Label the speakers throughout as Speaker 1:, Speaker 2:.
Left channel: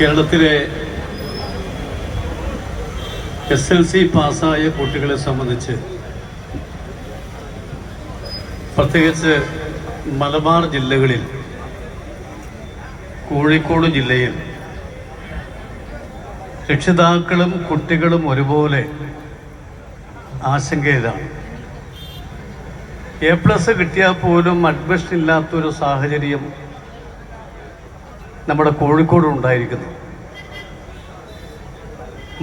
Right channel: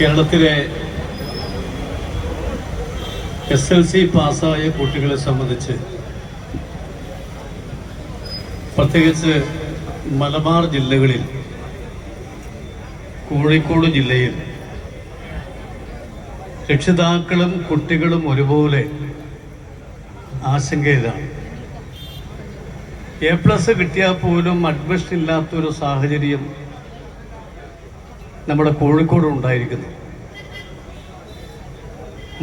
Speaker 1: കേരളത്തിലെ S L C പാസ്സായ കുട്ടികളെ സംബന്ധിച്ച് പ്രത്യേകിച്ച് മലബാർ ജില്ലകളിൽ കോഴിക്കോട് ജില്ലയിൽ രക്ഷിതാക്കളും കുട്ടികളും ഒരുപോലെ ആശങ്കയിലാണ്. എ പ്ലസ് കിട്ടിയാൽ പോലും അഡ്മിഷൻ ഇല്ലാത്തൊരു സാഹചര്യം നമ്മുടെ കോഴിക്കോട് ഉണ്ടായിരിക്കുന്നു.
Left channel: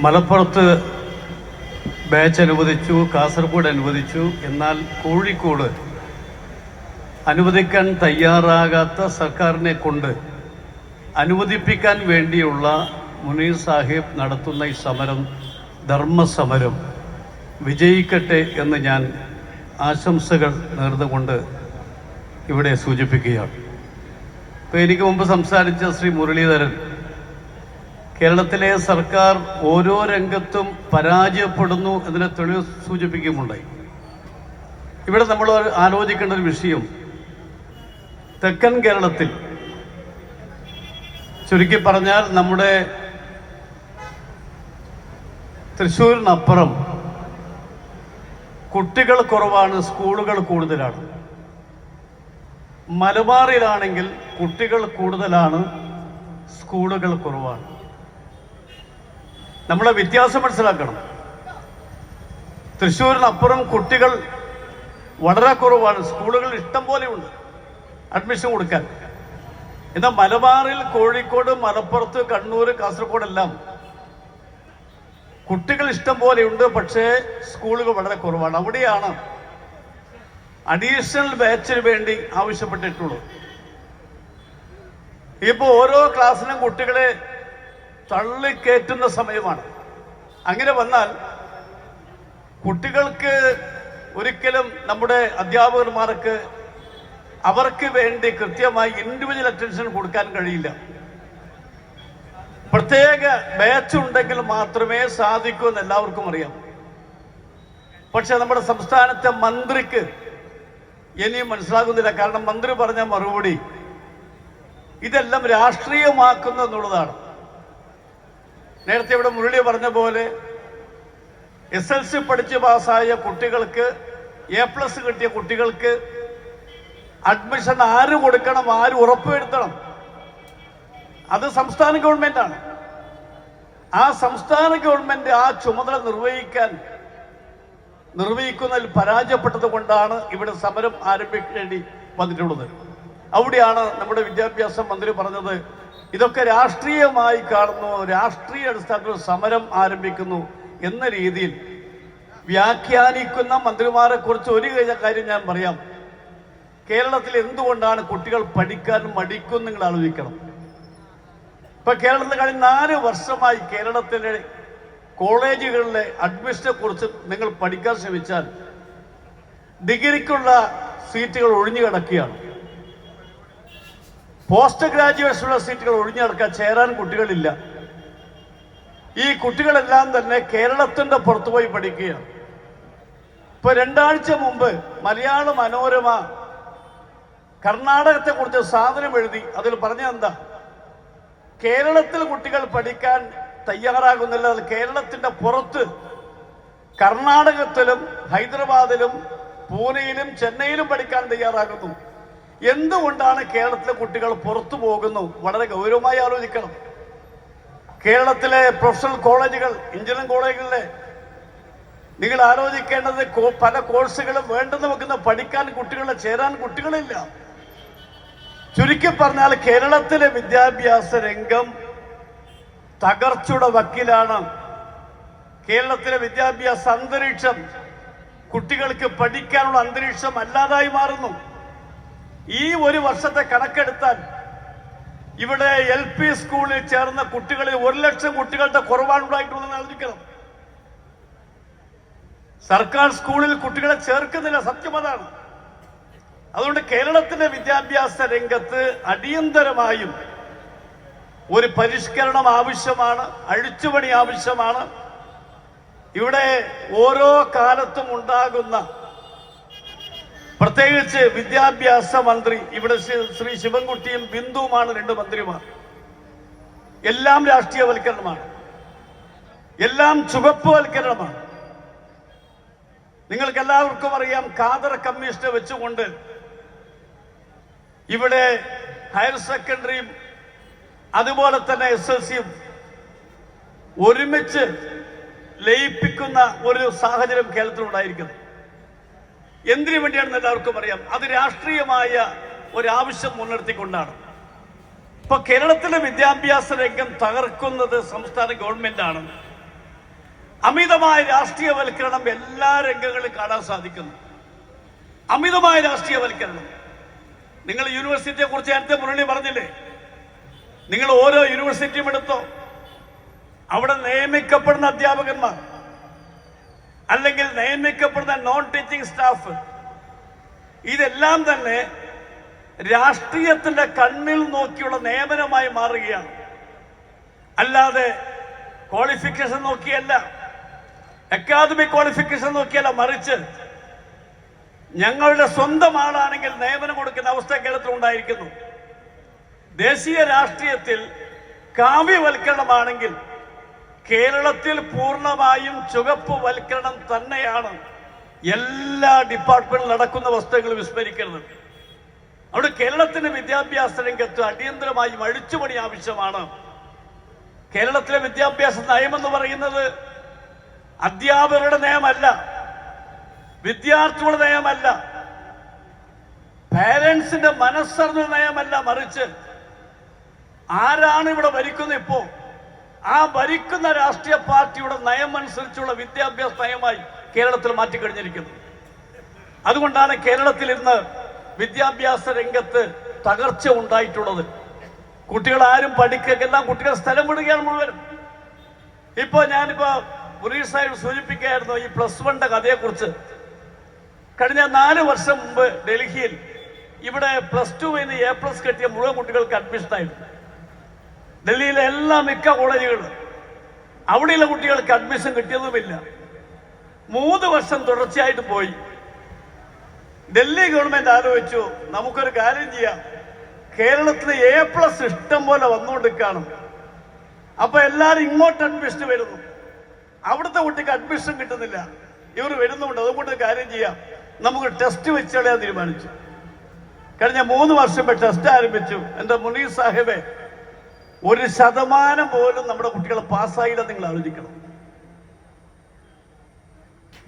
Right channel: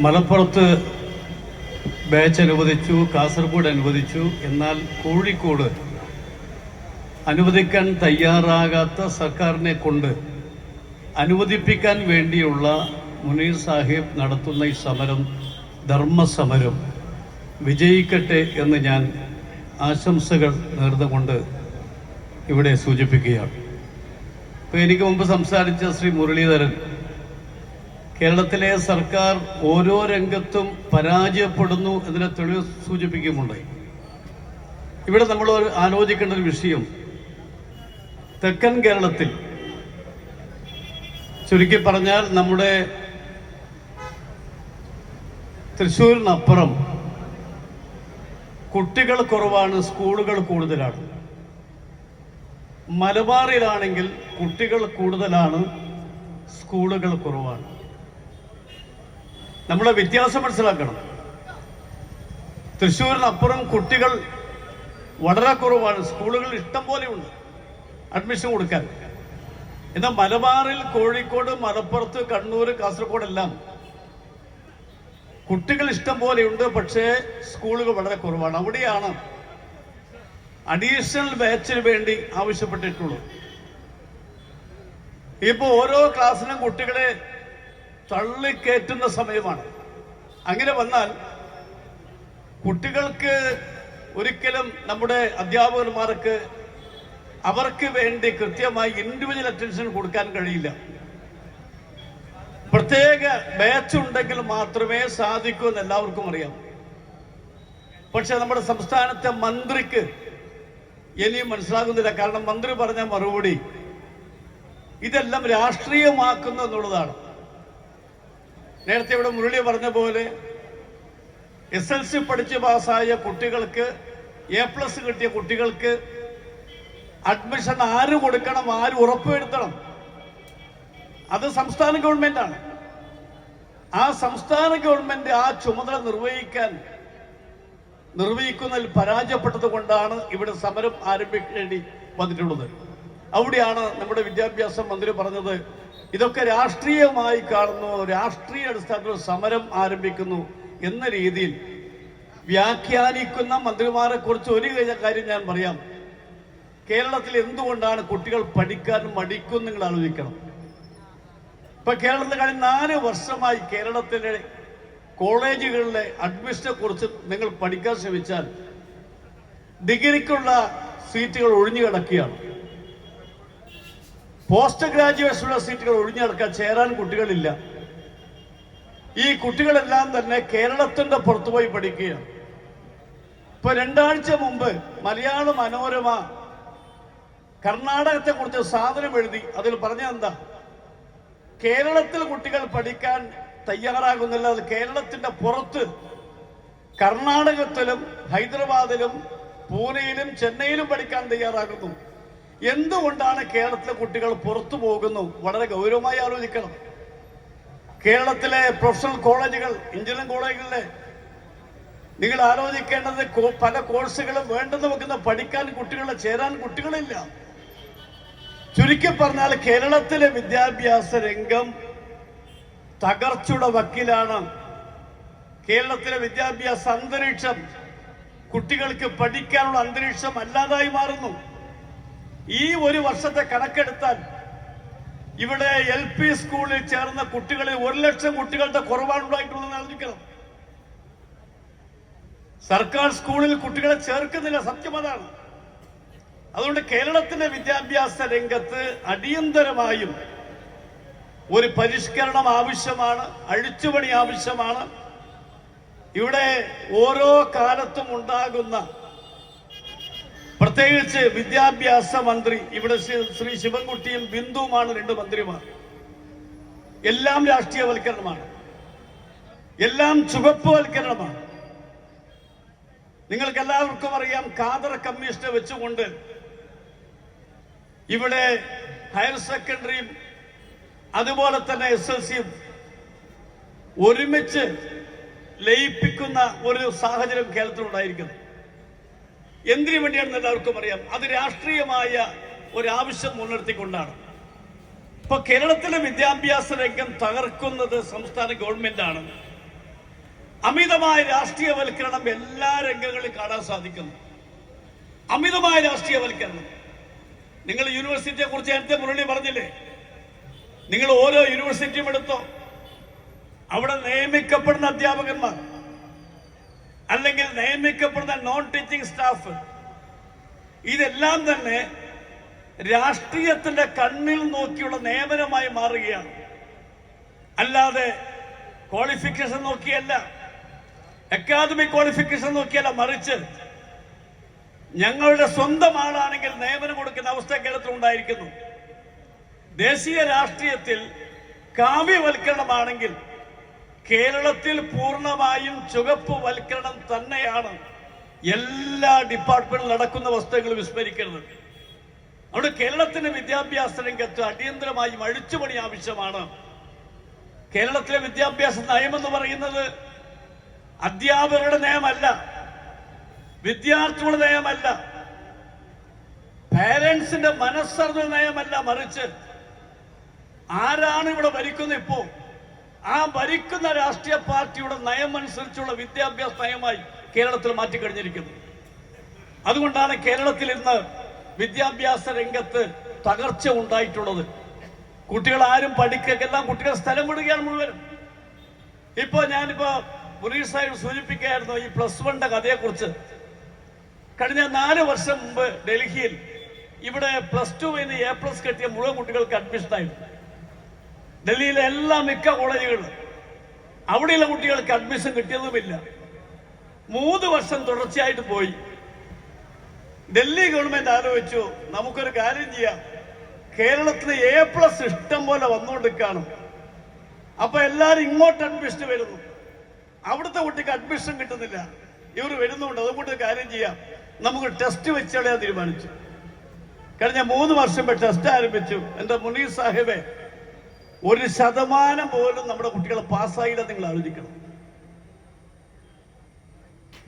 Speaker 1: മലപ്പുറത്ത് ബാച്ച് അനുവദിച്ചു കാസർഗോഡ് അനുവദിച്ചു. എന്നാൽ കോഴിക്കോട് അനുവദിക്കാൻ തയ്യാറാകാത്ത സർക്കാരിനെ കൊണ്ട് അനുവദിപ്പിക്കാൻ വേണ്ടിയുള്ള മുനീർ സാഹിബ് നടത്തുന്ന ഈ സമരം ധർമ്മസമരം വിജയിക്കട്ടെ എന്ന് ഞാൻ ആശംസകൾ നേർന്നുകൊണ്ട് ഇവിടെ സൂചിപ്പിക്കുകയാണ്. ഇപ്പോൾ എനിക്ക് മുമ്പ് സംസാരിച്ച ശ്രീ മുരളീധരൻ കേരളത്തിലെ സർക്കാർ ഓരോ രംഗത്തും പരാജയപ്പെടുന്നു എന്നതിനെ തെളിവ് സൂചിപ്പിക്കുമുണ്ടായി ഇവിടെ നമ്മൾ ആലോചിക്കേണ്ട ഒരു വിഷയം തെക്കൻ കേരളത്തിൽ ചുരുക്കി പറഞ്ഞാൽ നമ്മുടെ തൃശ്ശൂരിനപ്പുറം കുട്ടികൾ കുറവാണ് സ്കൂളുകൾ കൂടുതലാണ്. മലബാറിലാണെങ്കിൽ കുട്ടികൾ കൂടുതലാണ് സ്കൂളുകൾ കുറവാണ്. നമ്മളെ വ്യത്യാസം മനസ്സിലാക്കണം. തൃശ്ശൂരിനപ്പുറം കുട്ടികൾ വളരെ കുറവാണ്. സ്കൂളുകൾ ഇഷ്ടം പോലെയുണ്ട് അഡ്മിഷൻ കൊടുക്കാൻ. എന്നാൽ മലബാറിൽ കോഴിക്കോട് മലപ്പുറത്ത് കണ്ണൂർ കാസർഗോഡ് എല്ലാം കുട്ടികൾ ഇഷ്ടം പോലെയുണ്ട് പക്ഷേ സ്കൂളുകൾ വളരെ കുറവാണ്. അവിടെയാണ് അഡീഷണൽ ബാച്ചിന് വേണ്ടി ആവശ്യപ്പെട്ടിട്ടുള്ളൂ. ഇപ്പോൾ ഓരോ ക്ലാസ്സിനും കുട്ടികളെ തള്ളിക്കയറ്റുന്ന സമയമാണ്. അങ്ങനെ വന്നാൽ കുട്ടികൾക്ക് ഒരിക്കലും നമ്മുടെ അധ്യാപകന്മാർക്ക് അവർക്ക് വേണ്ടി കൃത്യമായി ഇൻഡിവിജ്വൽ അറ്റൻഷൻ കൊടുക്കാൻ കഴിയില്ല. പ്രത്യേക ബാച്ച് ഉണ്ടെങ്കിൽ മാത്രമേ സാധിക്കൂ എന്ന് എല്ലാവർക്കും അറിയാം. പക്ഷെ നമ്മുടെ സംസ്ഥാനത്തെ മന്ത്രിക്ക് ഇനിയും മനസ്സിലാകുന്നില്ല. കാരണം മന്ത്രി പറഞ്ഞ മറുപടി ഇതെല്ലാം രാഷ്ട്രീയമാക്കുന്നു എന്നുള്ളതാണ്. നേരത്തെ ഇവിടെ മുരളി പറഞ്ഞ പോലെ എസ് എൽ സി പഠിച്ച് പാസ്സായ കുട്ടികൾക്ക് എ പ്ലസ് കിട്ടിയ കുട്ടികൾക്ക് അഡ്മിഷൻ ആര് കൊടുക്കണം ആര് ഉറപ്പുവരുത്തണം? അത് സംസ്ഥാന ഗവൺമെന്റാണ്. ആ സംസ്ഥാന ഗവൺമെന്റ് ആ ചുമതല നിർവഹിക്കാൻ നിർവഹിക്കുന്നതിൽ പരാജയപ്പെട്ടത് കൊണ്ടാണ് ഇവിടെ സമരം ആരംഭിക്കേണ്ടി വന്നിട്ടുള്ളത്. അവിടെയാണ് നമ്മുടെ വിദ്യാഭ്യാസ മന്ത്രി പറഞ്ഞത് ഇതൊക്കെ രാഷ്ട്രീയമായി കാണുന്നു രാഷ്ട്രീയ അടിസ്ഥാനത്തിൽ സമരം ആരംഭിക്കുന്നു എന്ന രീതിയിൽ വ്യാഖ്യാനിക്കുന്ന മന്ത്രിമാരെ കുറിച്ച് ഒരു കാര്യം ഞാൻ പറയാം. കേരളത്തിൽ എന്തുകൊണ്ടാണ് കുട്ടികൾ പഠിക്കാൻ മടിക്കുന്നു നിങ്ങൾ ആലോചിക്കണം. ഇപ്പൊ കേരളത്തിൽ കഴിഞ്ഞ നാല് വർഷമായി കേരളത്തിലെ കോളേജുകളിലെ അഡ്മിഷനെ കുറിച്ച് നിങ്ങൾ പഠിക്കാൻ ശ്രമിച്ചാൽ ഡിഗ്രിക്കുള്ള സീറ്റുകൾ ഒഴിഞ്ഞു കിടക്കുകയാണ്. പോസ്റ്റ് ഗ്രാജുവേഷനുള്ള സീറ്റുകൾ ഒഴിഞ്ഞു കിടക്കാൻ ചേരാൻ കുട്ടികളില്ല. ഈ കുട്ടികളെല്ലാം തന്നെ കേരളത്തിന്റെ പുറത്തുപോയി പഠിക്കുകയാണ്. ഇപ്പൊ രണ്ടാഴ്ച മുമ്പ് മലയാള മനോരമ കർണാടകത്തെ കുറിച്ച് സാധനം എഴുതി. അതിൽ പറഞ്ഞ എന്താ കേരളത്തിൽ കുട്ടികൾ പഠിക്കാൻ തയ്യാറാകുന്നില്ല. കേരളത്തിന്റെ പുറത്ത് കർണാടകത്തിലും ഹൈദരാബാദിലും പൂനെയിലും ചെന്നൈയിലും പഠിക്കാൻ തയ്യാറാകുന്നു. എന്തുകൊണ്ടാണ് കേരളത്തിലെ കുട്ടികൾ പുറത്തു പോകുന്നു? വളരെ ഗൗരവമായി ആലോചിക്കണം. കേരളത്തിലെ പ്രൊഫഷണൽ കോളേജുകൾ എഞ്ചിനീയറിംഗ് കോളേജുകളിലെ നിങ്ങൾ ആലോചിക്കേണ്ടത് പല കോഴ്സുകളും വേണ്ടെന്ന് വെക്കുന്ന പഠിക്കാൻ കുട്ടികളെ ചേരാൻ കുട്ടികളില്ല. ചുരുക്കി പറഞ്ഞാൽ കേരളത്തിലെ വിദ്യാഭ്യാസ രംഗം തകർച്ചയുടെ വക്കിലാണ് കേരളത്തിലെ വിദ്യാഭ്യാസ അന്തരീക്ഷം കുട്ടികൾക്ക് പഠിക്കാനുള്ള അന്തരീക്ഷം അല്ലാതായി മാറുന്നു. ഈ ഒരു വർഷത്തെ കണക്കെടുത്താൽ ഇവിടെ എൽ പി സ്കൂളിൽ ചേർന്ന കുട്ടികളിൽ ഒരു ലക്ഷം കുട്ടികളുടെ കുറവാണ് ഉണ്ടായിട്ടുള്ളതെന്ന് സർക്കാർ സ്കൂളിൽ കുട്ടികളെ ചേർക്കുന്നില്ല സത്യം അതാണ്. അതുകൊണ്ട് കേരളത്തിന്റെ വിദ്യാഭ്യാസ രംഗത്ത് അടിയന്തരമായും ഒരു പരിഷ്കരണം ആവശ്യമാണ് അഴിച്ചുപണി ആവശ്യമാണ്. ഇവിടെ ഓരോ കാലത്തും ഉണ്ടാകുന്ന പ്രത്യേകിച്ച് വിദ്യാഭ്യാസ മന്ത്രി ഇവിടെ ശ്രീ- ശിവൻകുട്ടിയും ബിന്ദുവുമാണ് രണ്ട് മന്ത്രിമാർ. എല്ലാം രാഷ്ട്രീയവൽക്കരണമാണ്. എല്ലാം ചുവപ്പുവൽക്കരണമാണ്. നിങ്ങൾക്ക് എല്ലാവർക്കും അറിയാം കാതർ കമ്മീഷനെ വെച്ചുകൊണ്ട് ഇവിടെ ഹയർ സെക്കൻഡറിയും അതുപോലെ തന്നെ എസ് എൽ സിയും ഒരുമിച്ച് ലയിപ്പിക്കുന്ന ഒരു സാഹചര്യം കേരളത്തിലുണ്ടായിരിക്കുന്നു. എന്തിനു വേണ്ടിയാണെന്ന് എല്ലാവർക്കും അറിയാം. അത് രാഷ്ട്രീയമായ ഒരാവശ്യം മുൻനിർത്തിക്കൊണ്ടാണ്. ഇപ്പൊ കേരളത്തിലെ വിദ്യാഭ്യാസ രംഗം തകർക്കുന്നത് സംസ്ഥാന ഗവൺമെന്റാണ്. അമിതമായ രാഷ്ട്രീയവൽക്കരണം എല്ലാ രംഗങ്ങളിലും കാണാൻ സാധിക്കുന്നു. അമിതമായ രാഷ്ട്രീയവൽക്കരണം. നിങ്ങൾ യൂണിവേഴ്സിറ്റിയെ കുറിച്ച് നേരത്തെ മുരളി പറഞ്ഞില്ലേ? നിങ്ങൾ ഓരോ യൂണിവേഴ്സിറ്റിയും എടുത്തോ. അവിടെ നിയമിക്കപ്പെടുന്ന അധ്യാപകന്മാർ അല്ലെങ്കിൽ നിയമിക്കപ്പെടുന്ന നോൺ ടീച്ചിങ് സ്റ്റാഫ് ഇതെല്ലാം തന്നെ രാഷ്ട്രീയത്തിന്റെ കണ്ണിൽ നോക്കിയുള്ള നിയമനമായി മാറുകയാണ്. അല്ലാതെ ക്വാളിഫിക്കേഷൻ നോക്കിയല്ല അക്കാദമിക് ക്വാളിഫിക്കേഷൻ നോക്കിയല്ല മറിച്ച് ഞങ്ങളുടെ സ്വന്തം ആളാണെങ്കിൽ നിയമനം കൊടുക്കുന്ന അവസ്ഥ കേരളത്തിൽ ഉണ്ടായിരിക്കുന്നു ദേശീയ രാഷ്ട്രീയത്തിൽ കാവ്യവൽക്കരണമാണെങ്കിൽ കേരളത്തിൽ പൂർണമായും ചുവപ്പ് വൽക്കരണം തന്നെയാണ് എല്ലാ ഡിപ്പാർട്ട്മെന്റിൽ നടക്കുന്ന വസ്തുക്കൾ വിസ്മരിക്കരുത് അവിടെ കേരളത്തിന്റെ വിദ്യാഭ്യാസ രംഗത്ത് അടിയന്തരമായും അഴിച്ചുപണി ആവശ്യമാണ്. കേരളത്തിലെ വിദ്യാഭ്യാസ നയമെന്ന് പറയുന്നത് അധ്യാപകരുടെ നയമല്ല വിദ്യാർത്ഥികളുടെ നയമല്ല പാരന്റ്സിന്റെ മനസ്സറിഞ്ഞ നയമല്ല മറിച്ച് ആരാണ് ഇവിടെ ഭരിക്കുന്നത് ഇപ്പോ? ആ ഭരിക്കുന്ന രാഷ്ട്രീയ പാർട്ടിയുടെ നയം അനുസരിച്ചുള്ള വിദ്യാഭ്യാസ നയമായി കേരളത്തിൽ മാറ്റിക്കഴിഞ്ഞിരിക്കുന്നു. അതുകൊണ്ടാണ് കേരളത്തിൽ ഇന്ന് വിദ്യാഭ്യാസ രംഗത്ത് തകർച്ച ഉണ്ടായിട്ടുള്ളത്. കുട്ടികൾ ആരും പഠിക്കെല്ലാം കുട്ടികൾ സ്ഥലം വിടുകയാണ് മുഴുവൻ. ഇപ്പോ ഞാനിപ്പോ മുനീർ സാഹിബ് സൂചിപ്പിക്കുകയായിരുന്നു ഈ പ്ലസ് വണ്ണിന്റെ കഥയെക്കുറിച്ച്. കഴിഞ്ഞ നാല് വർഷം മുമ്പ് ഡൽഹിയിൽ ഇവിടെ പ്ലസ് ടു എ പ്ലസ് കിട്ടിയ മുഴുവൻ കുട്ടികൾക്ക് അഡ്മിഷൻ ആയിരുന്നു ഡൽഹിയിലെ എല്ലാ മിക്ക കോളേജുകളിലും അവിടെയുള്ള കുട്ടികൾക്ക് അഡ്മിഷൻ കിട്ടിയതുമില്ല. മൂന്ന് വർഷം തുടർച്ചയായിട്ട് പോയി. ഡൽഹി ഗവൺമെന്റ് ആലോചിച്ചു നമുക്കൊരു കാര്യം ചെയ്യാം. കേരളത്തിൽ എ പ്ലസ് ഇഷ്ടം പോലെ വന്നുകൊണ്ട് കാണും അപ്പൊ എല്ലാരും ഇങ്ങോട്ട് അഡ്മിഷൻ വരുന്നു. അവിടുത്തെ കുട്ടിക്ക് അഡ്മിഷൻ കിട്ടുന്നില്ല. ഇവർ വരുന്നുണ്ട് അതുകൊണ്ട് കാര്യം ചെയ്യാം. നമുക്ക് ടെസ്റ്റ് വെച്ചളയാൻ തീരുമാനിച്ചു. കഴിഞ്ഞ മൂന്ന് വർഷം ടെസ്റ്റ് ആരംഭിച്ചു. എന്റെ മുനീർ സാഹിബെ ഒരു ശതമാനം പോലും നമ്മുടെ കുട്ടികൾ പാസ്സായില്ല നിങ്ങൾ ആലോചിക്കണം.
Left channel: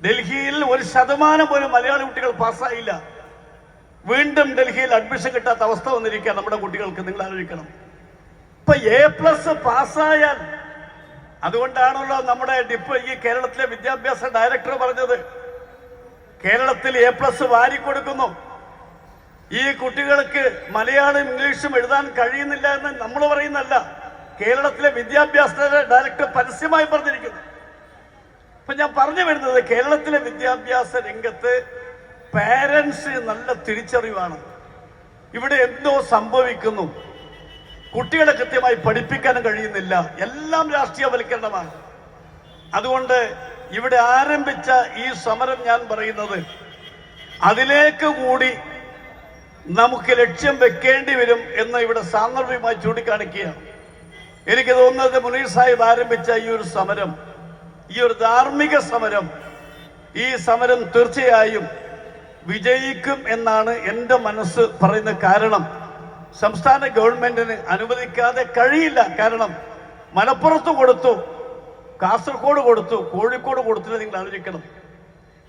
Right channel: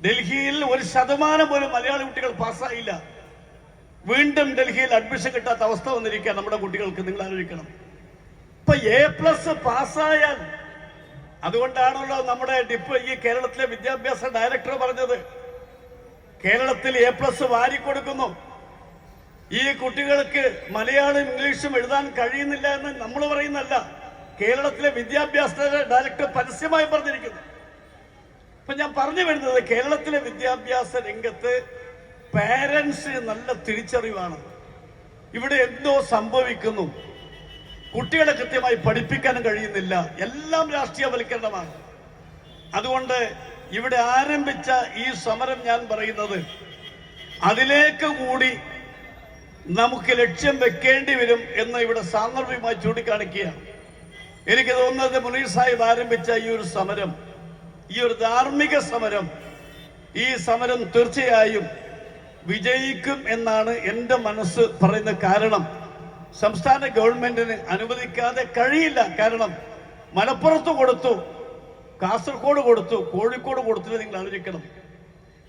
Speaker 1: ഡൽഹിയിൽ ഒരു ശതമാനം പോലും മലയാളി കുട്ടികൾ പാസ്സായില്ല. വീണ്ടും ഡൽഹിയിൽ അഡ്മിഷൻ കിട്ടാത്ത അവസ്ഥ വന്നിരിക്കുക നമ്മുടെ കുട്ടികൾക്ക് നിങ്ങൾ ആലോചിക്കണം. ഇപ്പൊ എ പ്ലസ് പാസ്സായാൽ അതുകൊണ്ടാണല്ലോ നമ്മുടെ ഡിപ്പ് ഈ കേരളത്തിലെ വിദ്യാഭ്യാസ ഡയറക്ടർ പറഞ്ഞത്. കേരളത്തിൽ എ പ്ലസ് വാരിക്കൊടുക്കുന്നു. ഈ കുട്ടികൾക്ക് മലയാളം ഇംഗ്ലീഷും എഴുതാൻ കഴിയുന്നില്ല എന്ന് നമ്മൾ പറയുന്നല്ല കേരളത്തിലെ വിദ്യാഭ്യാസ ഡയറക്ടർ പരസ്യമായി പറഞ്ഞിരിക്കുന്നു. ഇപ്പൊ ഞാൻ പറഞ്ഞു വരുന്നത് കേരളത്തിലെ വിദ്യാഭ്യാസ രംഗത്ത് പാരന്റ്സ് നല്ല തിരിച്ചറിവാണ്. ഇവിടെ എന്തോ സംഭവിക്കുന്നു. കുട്ടികളെ കൃത്യമായി പഠിപ്പിക്കാനും കഴിയുന്നില്ല. എല്ലാം രാഷ്ട്രീയവൽക്കരണമാണ്. അതുകൊണ്ട് ഇവിടെ ആരംഭിച്ച ഈ സമരം ഞാൻ പറയുന്നത് അതിലേക്ക് കൂടി നമുക്ക് ലക്ഷ്യം വെക്കേണ്ടി വരും എന്ന് ഇവിടെ സാന്ദർഭികമായി ചൂണ്ടിക്കാണിക്കുകയാണ്. എനിക്ക് തോന്നുന്നത് മുനീർ സാഹിബ് ആരംഭിച്ച ഈ ഒരു സമരം ഈ ഒരു ധാർമ്മിക സമരം ഈ സമരം തീർച്ചയായും വിജയിക്കും എന്നാണ് എന്റെ മനസ്സ് പറയുന്ന കാരണം. സംസ്ഥാന ഗവൺമെന്റിന് അനുവദിക്കാതെ കഴിയില്ല. കാരണം മലപ്പുറത്ത് കൊടുത്തു കാസർഗോഡ് കൊടുത്തു കോഴിക്കോട് കൊടുത്തില്ല നിങ്ങൾ ആലോചിക്കണം.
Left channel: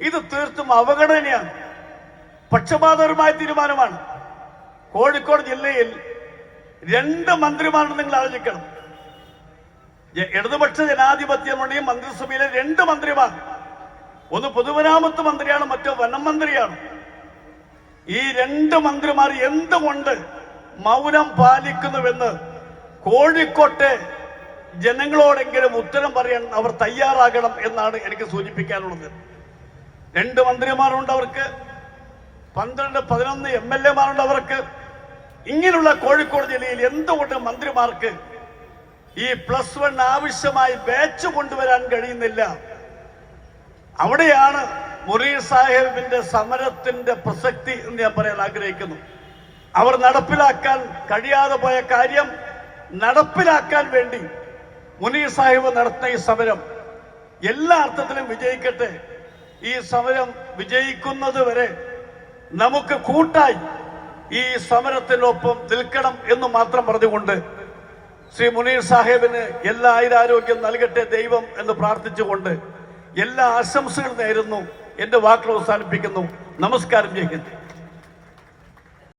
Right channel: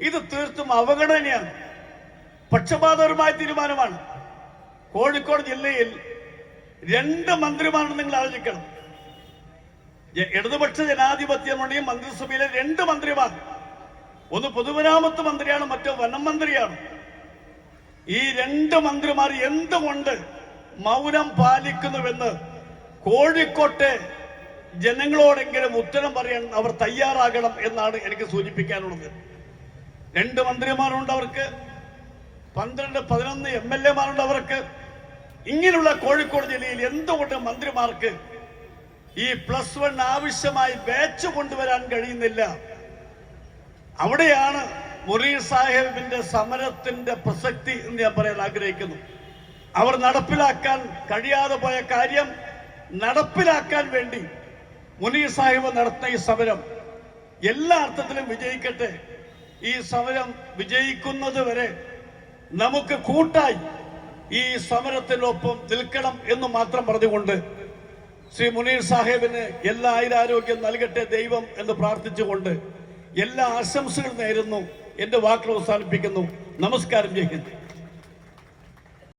Speaker 1: ഇത് തീർത്തും അവഗണനയാണ്. പക്ഷപാതപരമായ തീരുമാനമാണ്. കോഴിക്കോട് ജില്ലയിൽ രണ്ട് മന്ത്രിമാരാണ് നിങ്ങൾ ആലോചിക്കണം. ഇടതുപക്ഷ ജനാധിപത്യ മുന്നണിയും മന്ത്രിസഭയിലെ രണ്ട് മന്ത്രിമാർ. ഒന്ന് പൊതുമരാമത്ത് മന്ത്രിയാണ് മറ്റോ വനം മന്ത്രിയാണ്. ഈ രണ്ട് മന്ത്രിമാർ എന്തുകൊണ്ട് മൗനം പാലിക്കുന്നുവെന്ന് കോഴിക്കോട്ടെ ജനങ്ങളോടെങ്കിലും ഉത്തരം പറയാൻ അവർ തയ്യാറാകണം എന്നാണ് എനിക്ക് സൂചിപ്പിക്കാനുള്ളത്. രണ്ട് മന്ത്രിമാരുണ്ട് അവർക്ക്. പന്ത്രണ്ട് പതിനൊന്ന് എം എൽ എമാരുണ്ട് അവർക്ക്. ഇങ്ങനെയുള്ള കോഴിക്കോട് ജില്ലയിൽ എന്തുകൊണ്ട് മന്ത്രിമാർക്ക് ഈ പ്ലസ് വൺ ആവശ്യമായി ബാച്ച് കൊണ്ടുവരാൻ കഴിയുന്നില്ല. അവിടെയാണ് മുറി സാഹിബിന്റെ സമരത്തിന്റെ പ്രസക്തി എന്ന് ഞാൻ പറയാൻ ആഗ്രഹിക്കുന്നു. അവർ നടപ്പിലാക്കാൻ കഴിയാതെ പോയ കാര്യം നടപ്പിലാക്കാൻ വേണ്ടി മുനീർ സാഹിബ് നടത്തുന്ന ഈ സമരം എല്ലാ അർത്ഥത്തിലും വിജയിക്കട്ടെ. ഈ സമരം വിജയിക്കുന്നത് വരെ നമുക്ക് കൂട്ടായി ഈ സമരത്തിനൊപ്പം നിൽക്കണം എന്ന് മാത്രം പറഞ്ഞുകൊണ്ട് ശ്രീ മുനീർ സാഹേബിന് എല്ലാ ആയുരാരോഗ്യം നൽകട്ടെ ദൈവം എന്ന് പ്രാർത്ഥിച്ചുകൊണ്ട് എല്ലാ ആശംസകളും നേരുന്നു. എന്റെ വാക്കുകൾ അവസാനിപ്പിക്കുന്നു. നമസ്കാരം ജയ് ഹിന്ദ്.